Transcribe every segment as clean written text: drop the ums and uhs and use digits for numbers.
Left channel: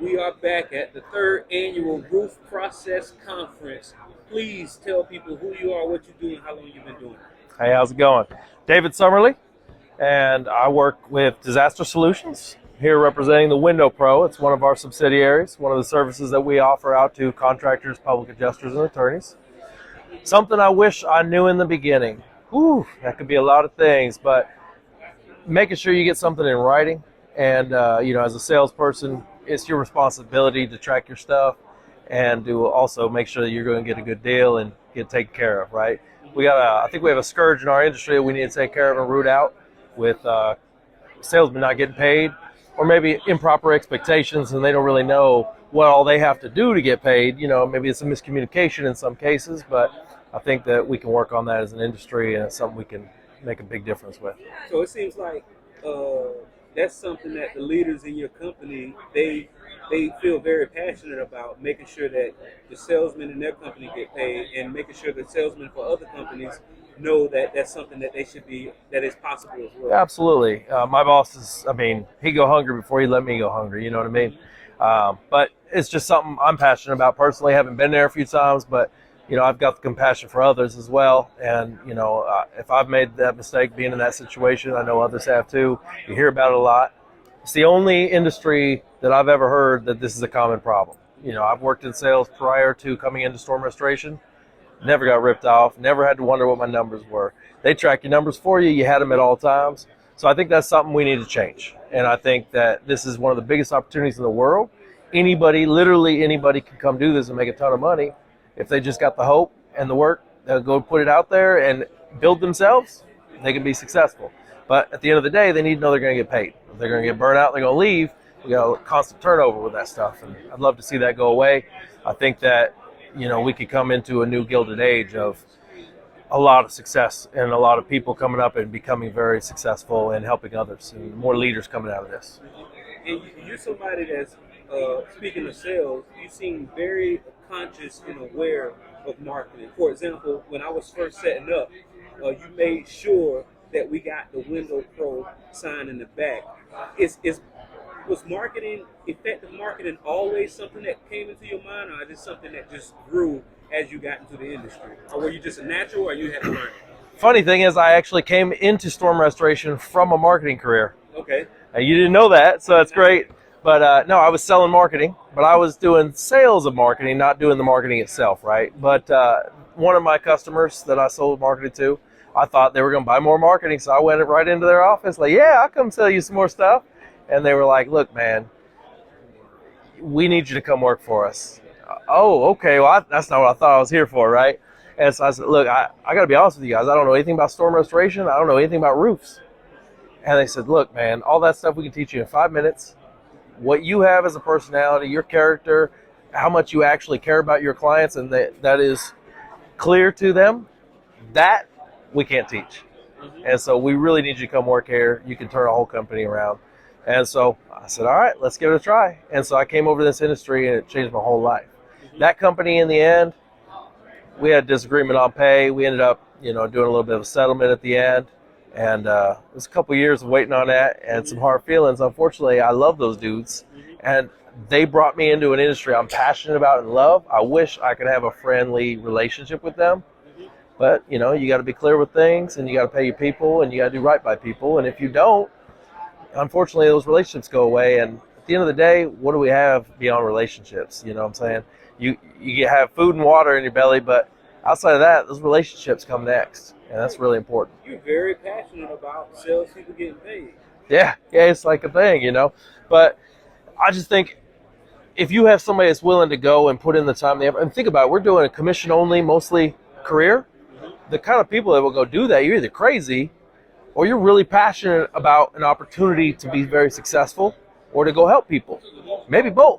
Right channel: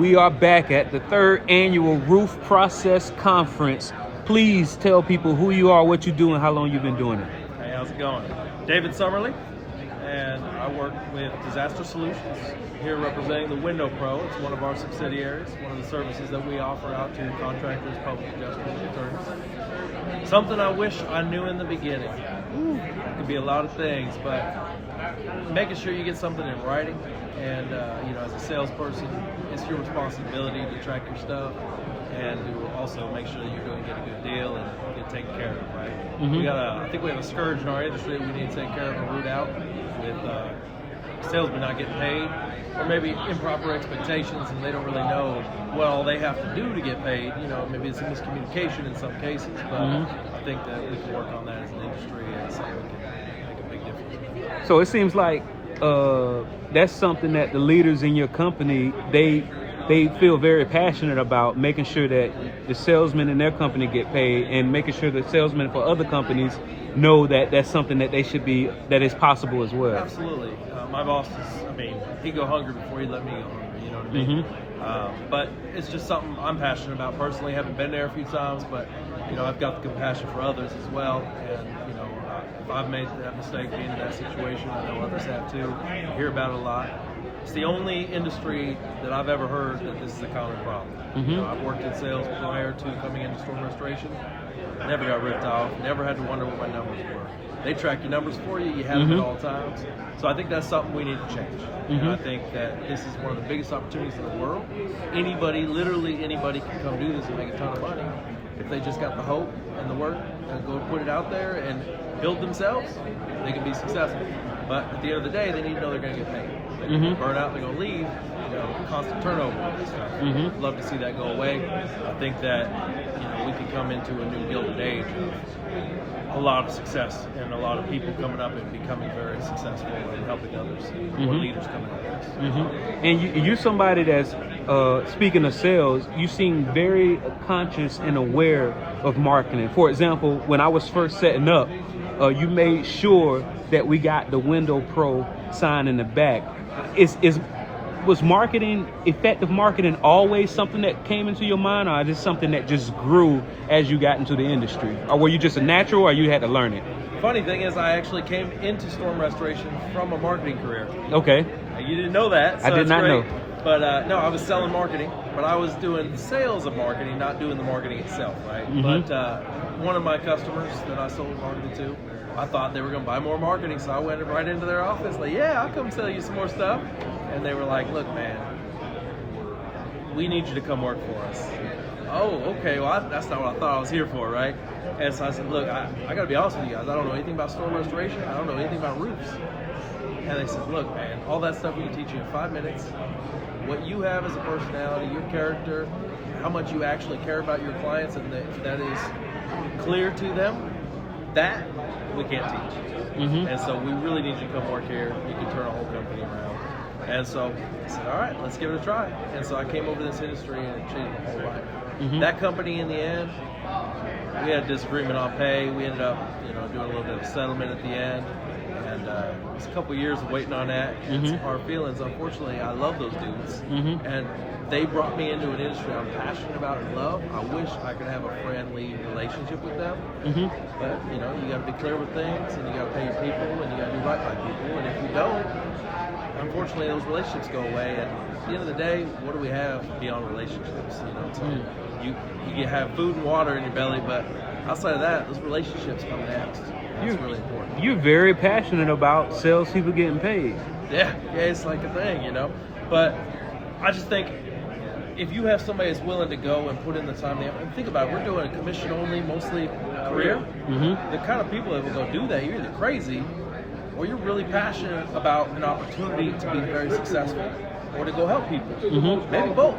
We are back at the 3rd annual Roof Process Conference. Please tell people who you are, what you do, and how long you've been doing it. Hey, how's it going? David Summerly, and I work with Disaster Solutions, here representing the Window Pro. It's one of our subsidiaries, one of the services that we offer out to contractors, public adjusters, and attorneys. Something I wish I knew in the beginning. Ooh, that could be a lot of things, but making sure you get something in writing, and as a salesperson, it's your responsibility to track your stuff and to also make sure that you're going to get a good deal and get taken care of, right? Mm-hmm. I think we have a scourge in our industry that we need to take care of and root out with salesmen not getting paid, or maybe improper expectations and they don't really know what all they have to do to get paid. Maybe it's a miscommunication in some cases, but I think that we can work on that as an industry, and it's something we can make a big difference with. So it seems like that's something that the leaders in your company, they feel very passionate about, making sure that the salesmen in their company get paid, and making sure the salesmen for other companies know that that's something that that is possible as well. Absolutely. My boss he go hungry before he let me go hungry, you know what I mean? But it's just something I'm passionate about personally. I haven't been there a few times, but I've got the compassion for others as well. And, if I've made that mistake being in that situation, I know others have too. You hear about it a lot. It's the only industry that I've ever heard that this is a common problem. I've worked in sales prior to coming into storm restoration. Never got ripped off, never had to wonder what my numbers were. They track your numbers for you. You had them at all times. So I think that's something we need to change. And I think that this is one of the biggest opportunities in the world. Literally anybody can come do this and make a ton of money. If they just got the hope and the work, go put it out there and build themselves, they can be successful. But at the end of the day, they need to know they're going to get paid. They're going to get burnt out, they're going to leave, constant turnover with that stuff. I'd love to see that go away. I think that, we could come into a new Gilded Age of a lot of success and a lot of people coming up and becoming very successful and helping others. More leaders coming out of this. And you're somebody that's, speaking of sales, you seem very conscious and aware of marketing. For example, when I was first setting up, you made sure that we got the Window Pro sign in the back. Was effective marketing always something that came into your mind, or is it something that just grew as you got into the industry? Or were you just a natural, or you had to learn it? Funny thing is, I actually came into storm restoration from a marketing career. Okay. And you didn't know that, so that's great. Know. But no, I was selling marketing, but I was doing sales of marketing, not doing the marketing itself, right? But one of my customers that I sold marketing to, I thought they were going to buy more marketing, so I went right into their office, like, yeah, I'll come sell you some more stuff. And they were like, look, man, we need you to come work for us. Oh, okay, well, that's not what I thought I was here for, right? And so I said, look, I got to be honest with you guys. I don't know anything about storm restoration. I don't know anything about roofs. And they said, look, man, all that stuff we can teach you in 5 minutes. What you have as a personality, your character, how much you actually care about your clients, and that is clear to them, that we can't teach. And so we really need you to come work here. You can turn a whole company around. And so I said, all right, let's give it a try. And so I came over to this industry, and it changed my whole life. That company, in the end, we had disagreement on pay. We ended up, doing a little bit of a settlement at the end. And it was a couple of years of waiting on that and some hard feelings. Unfortunately, I love those dudes. And they brought me into an industry I'm passionate about and love. I wish I could have a friendly relationship with them. But, you got to be clear with things, and you got to pay your people, and you got to do right by people. And if you don't, unfortunately, those relationships go away. And at the end of the day, what do we have beyond relationships? You know what I'm saying? You have food and water in your belly, but outside of that, those relationships come next. And that's really important. You're very passionate about salespeople getting paid. Yeah, it's like a thing, But I just think if you have somebody that's willing to go and put in the time, and think about it, we're doing a commission-only, mostly career. The kind of people that will go do that, you're either crazy or you're really passionate about an opportunity to be very successful or to go help people. Maybe both.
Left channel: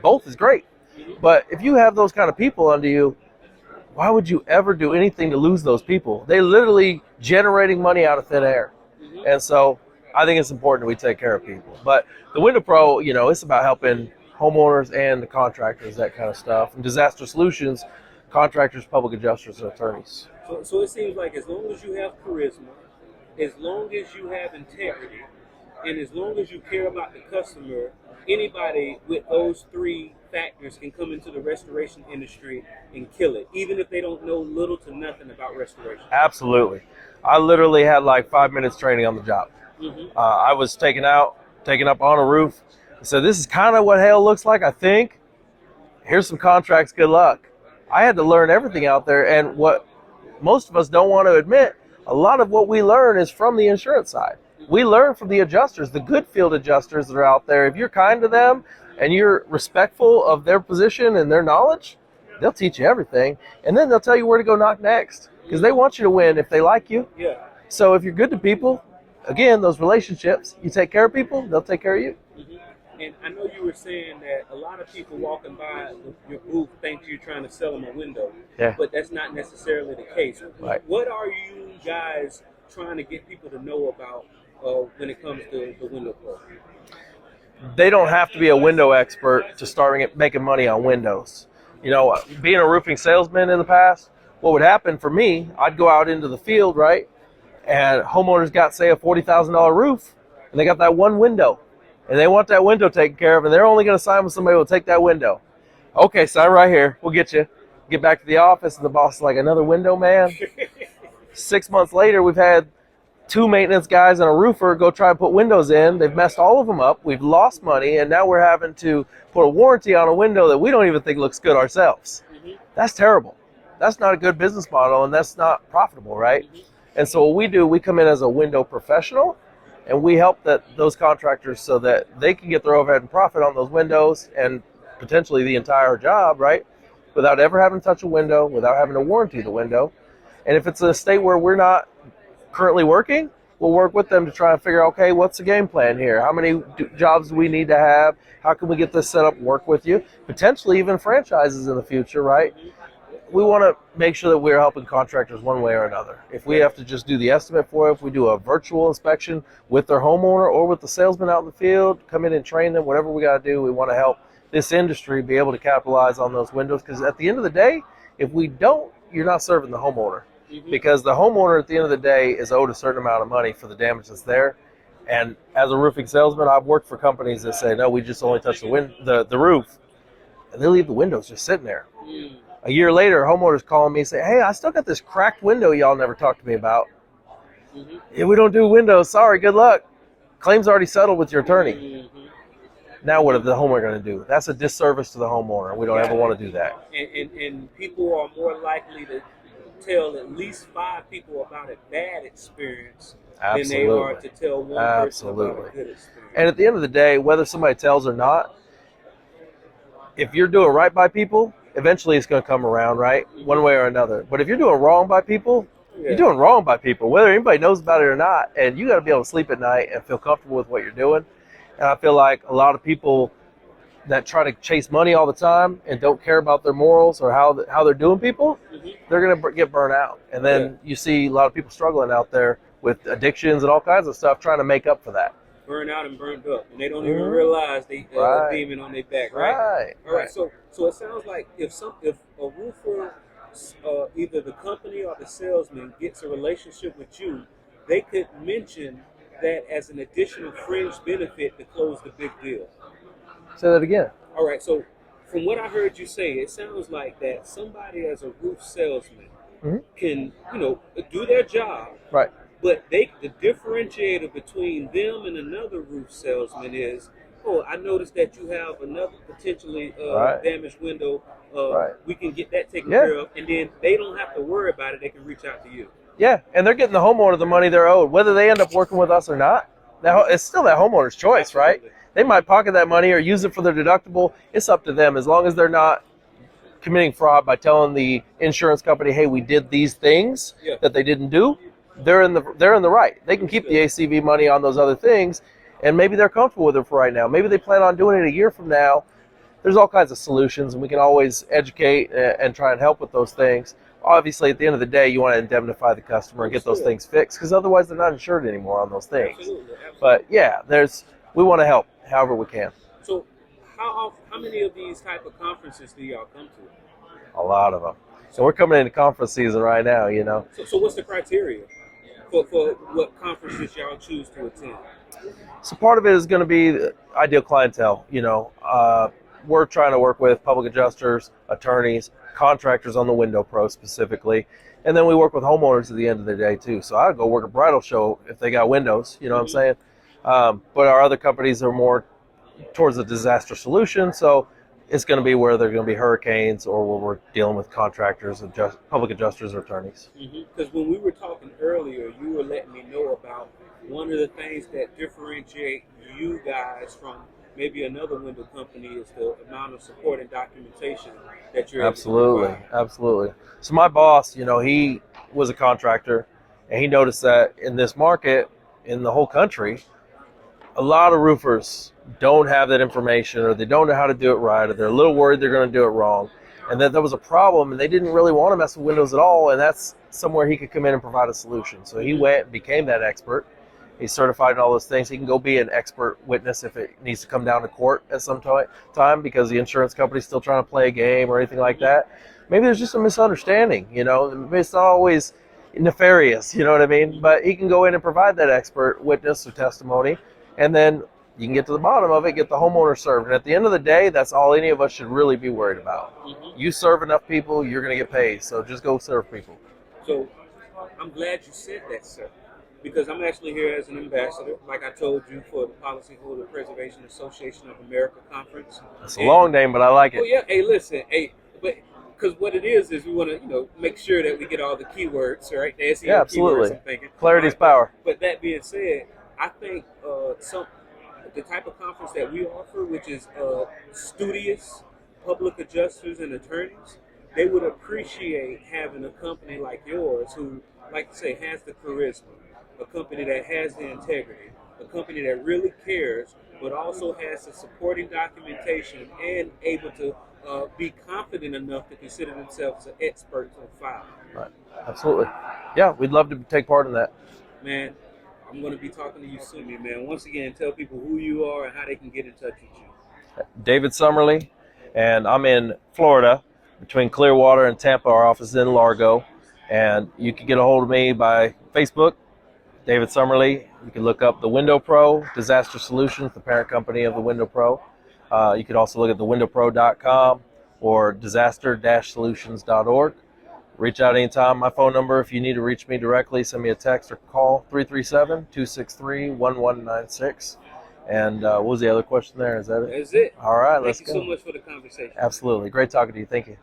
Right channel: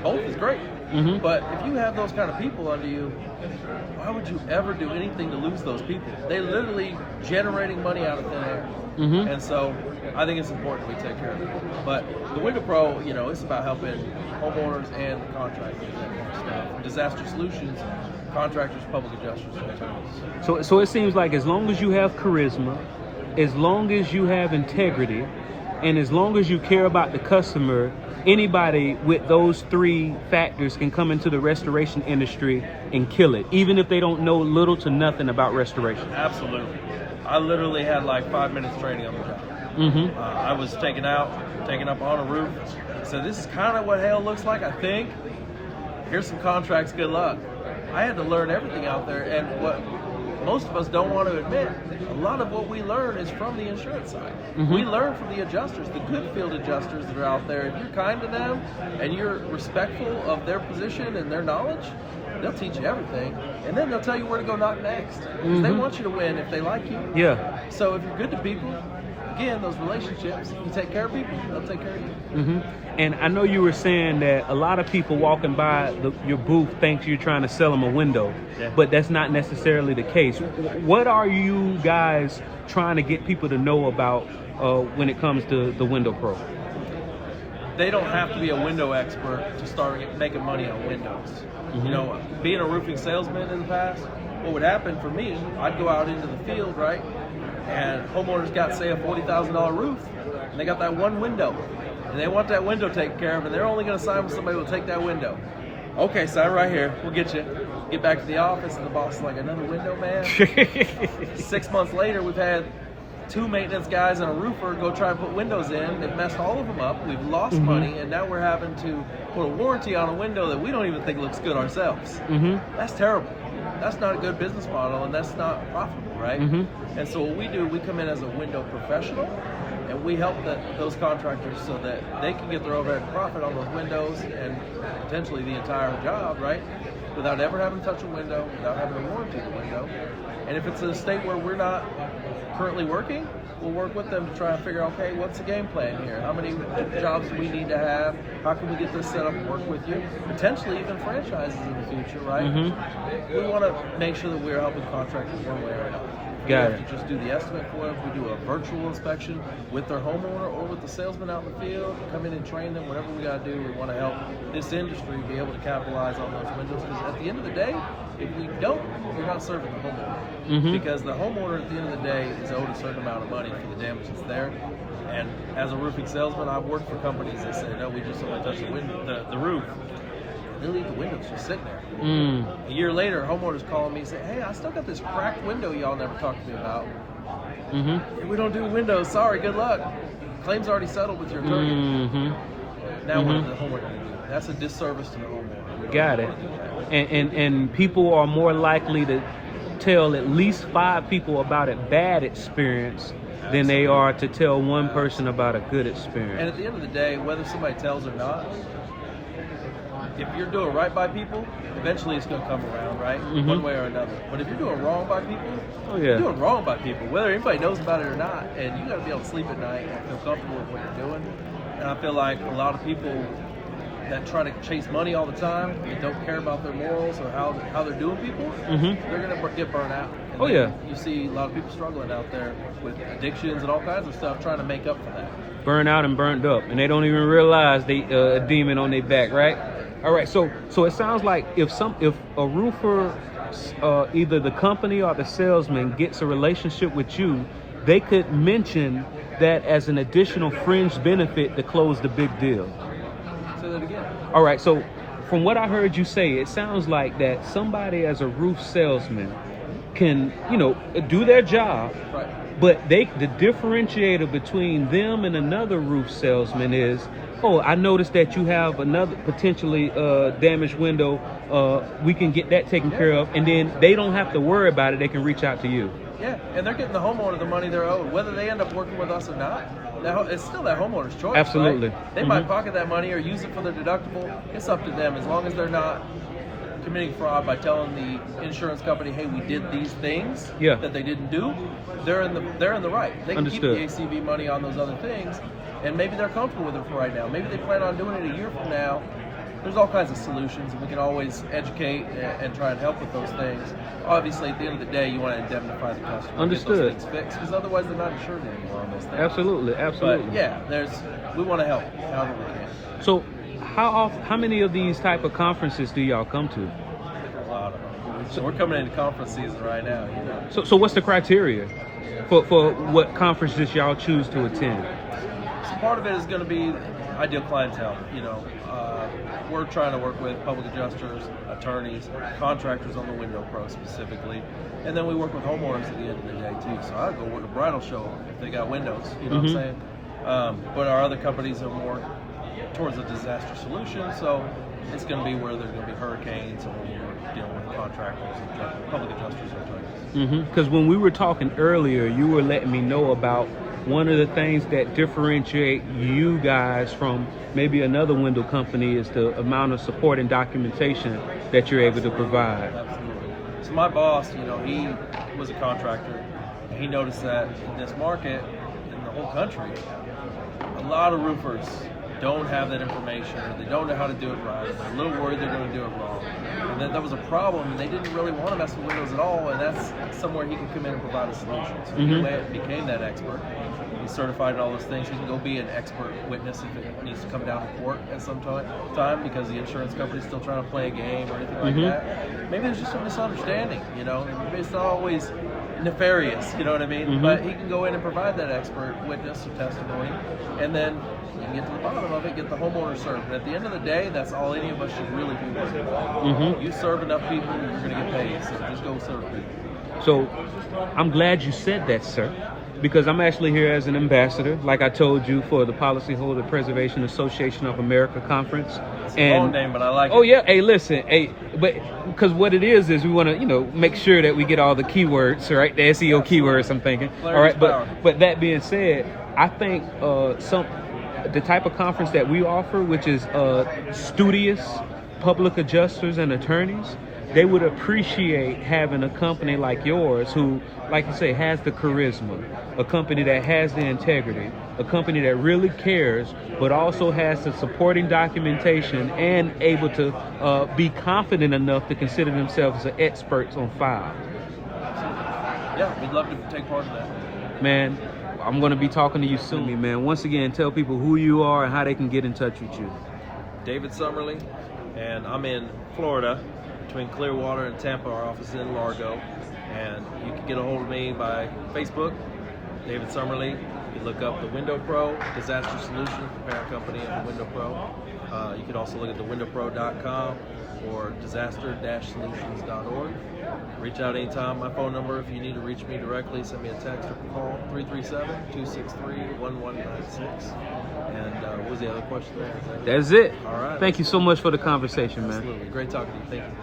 Both is great. But if you have those kind of people under you, why would you ever do anything to lose those people? They literally generating money out of thin air. And so I think it's important that we take care of people. But the Window Pro, it's about helping homeowners and the contractors, that kind of stuff. And Disaster Solutions, contractors, public adjusters, and attorneys. So it seems like as long as you have charisma, as long as you have integrity, and as long as you care about the customer, anybody with those three factors can come into the restoration industry and kill it, even if they don't know little to nothing about restoration. Absolutely. I literally had like 5 minutes training on the job. I was taken up on a roof. So this is kind of what hail looks like, I think. Here's some contracts, good luck. I had to learn everything out there, and what most of us don't want to admit, a lot of what we learn is from the insurance side. We learn from the adjusters, the good field adjusters that are out there. If you're kind to them and you're respectful of their position and their knowledge, they'll teach you everything. And then they'll tell you where to go knock next, because they want you to win if they like you. Yeah. So if you're good to people, again, those relationships, you take care of people, they'll take care of you. And I know you were saying that a lot of people walking by your booth think you're trying to sell them a window, but that's not necessarily the case. Right. What are you guys trying to get people to know about when it comes to the Window Pro? They don't have to be a window expert to start making money on windows. You know, being a roofing salesman in the past, what would happen for me, I'd go out into the field, right? And homeowners got, say, a $40,000 roof, and they got that one window. And they want that window taken care of, and they're only going to sign with somebody who will take that window. Okay, sign right here. We'll get you. Get back to the office, and the boss is like, another window, man? 6 months later, we've had 2 maintenance guys and a roofer go try and put windows in. They've messed all of them up. We've lost money, and now we're having to put a warranty on a window that we don't even think looks good ourselves. That's terrible. That's not a good business model, and that's not profitable, right? And so what we do, we come in as a window professional, and we help those contractors so that they can get their overhead profit on those windows and potentially the entire job, right? Without ever having to touch a window, without having to warranty the window. And if it's in a state where we're not currently working, we'll work with them to try and figure out, okay, what's the game plan here? How many jobs do we need to have? How can we get this set up and work with you? Potentially even franchises in the future, right? We want to make sure that we're helping contractors one way or another. If we have to just do the estimate for it, if we do a virtual inspection with their homeowner or with the salesman out in the field, come in and train them, whatever we got to do, we want to help this industry be able to capitalize on those windows. Because at the end of the day, if we don't, you're not serving the homeowner. Because the homeowner at the end of the day is owed a certain amount of money for the damage that's there. And as a roofing salesman, I've worked for companies that say, no, we just only touch the roof. And they leave the windows just sitting there. A year later, homeowners call me and say, hey, I still got this cracked window y'all never talked to me about. Yeah, we don't do windows. Sorry, good luck. Claim's already settled with your attorney. Now what is the homeowner going to do? That's a disservice to the homeowner. We don't ever want to do that. And people are more likely to tell at least 5 people about a bad experience than they are to tell one person about a good experience. And at the end of the day, whether somebody tells or not, if you're doing right by people, eventually it's going to come around, right? One way or another. But if you're doing wrong by people, you're doing wrong by people, whether anybody knows about it or not. And you got to be able to sleep at night and feel comfortable with what you're doing. And I feel like a lot of people that try to chase money all the time and don't care about their morals or how they're doing people, they're going to get burnt out. And then you see a lot of people struggling out there with addictions and all kinds of stuff trying to make up for that. Burn out and burnt up, and they don't even realize they a demon on their back, right? All right. So it sounds like if a roofer, either the company or the salesman gets a relationship with you, they could mention that as an additional fringe benefit to close the big deal. Say that again. All right. So from what I heard you say, it sounds like that somebody as a roof salesman can, do their job, right? But the differentiator between them and another roof salesman is, oh, I noticed that you have another potentially damaged window. We can get that taken care of, and then they don't have to worry about it. They can reach out to you. Yeah, and they're getting the homeowner the money they're owed, whether they end up working with us or not. Now, it's still that homeowner's choice, right? They might pocket that money or use it for their deductible. It's up to them, as long as they're not committing fraud by telling the insurance company, hey, we did these things that they didn't do. They're in the right. They can keep the ACV money on those other things, and maybe they're comfortable with it for right now. Maybe they plan on doing it a year from now. There's all kinds of solutions, and we can always educate and try and help with those things. Obviously, at the end of the day, you want to indemnify the customer and get those things fixed, because otherwise they're not insured anymore on those things. Absolutely. But yeah, we want to help however we can. So how many of these type of conferences do y'all come to? A lot of them. So we're coming into conference season right now, So what's the criteria for what conferences y'all choose to attend? So part of it is going to be the ideal clientele. We're trying to work with public adjusters, attorneys, contractors on the Window Pro specifically, and then we work with homeowners at the end of the day too. So I'd go work a bridal show if they got windows. You know what I'm saying? But our other companies are more towards a disaster solution. So it's going to be where there are going to be hurricanes or where we're dealing with contractors, public adjusters, or attorneys. Because when we were talking earlier, you were letting me know about one of the things that differentiate you guys from maybe another window company is the amount of support and documentation that you're able to provide. Absolutely. So my boss, he was a contractor, and he noticed that in this market, in the whole country, a lot of roofers don't have that information, or they don't know how to do it right, or they're a little worried they're going to do it wrong. And that was a problem, and they didn't really want to mess with windows at all, and that's somewhere he could come in and provide a solution. So he went and became that expert. He's certified in all those things. He can go be an expert witness if it needs to come down to court at some time because the insurance company's still trying to play a game or anything like that. Maybe there's just a misunderstanding, it's not always nefarious, you know what I mean? But he can go in and provide that expert witness or testimony, and then you can get to the bottom of it, get the homeowner served. And at the end of the day, that's all any of us should really be worried about. You serve enough people, you're going to get paid. So just go serve people. So I'm glad you said that, sir, because I'm actually here as an ambassador, like I told you, for the Policyholder Preservation Association of America conference. It's a long name, but I like it. Oh yeah, hey, listen, but because what it is we want to, make sure that we get all the keywords, right? The SEO keywords, I'm thinking. Clarity is power. But that being said, I think the type of conference that we offer, which is studious public adjusters and attorneys, they would appreciate having a company like yours who, like you say, has the charisma, a company that has the integrity, a company that really cares, but also has the supporting documentation and able to be confident enough to consider themselves as experts on file. Absolutely. Yeah, we'd love to take part in that. Man, I'm going to be talking to you soon, man. Once again, tell people who you are and how they can get in touch with you. David Summerly, and I'm in Florida, between Clearwater and Tampa. Our office is in Largo, and you can get a hold of me by Facebook, David Summerly. You can look up the Window Pro, Disaster Solutions, the parent company of the Window Pro. You can also look at thewindowpro.com or disaster-solutions.org. Reach out anytime. My phone number, if you need to reach me directly, send me a text or call, 337-263-1196. And what was the other question there? Is that it? That's it. All right. Thank you so much for the conversation. Absolutely. Man. Great talking to you. Thank you.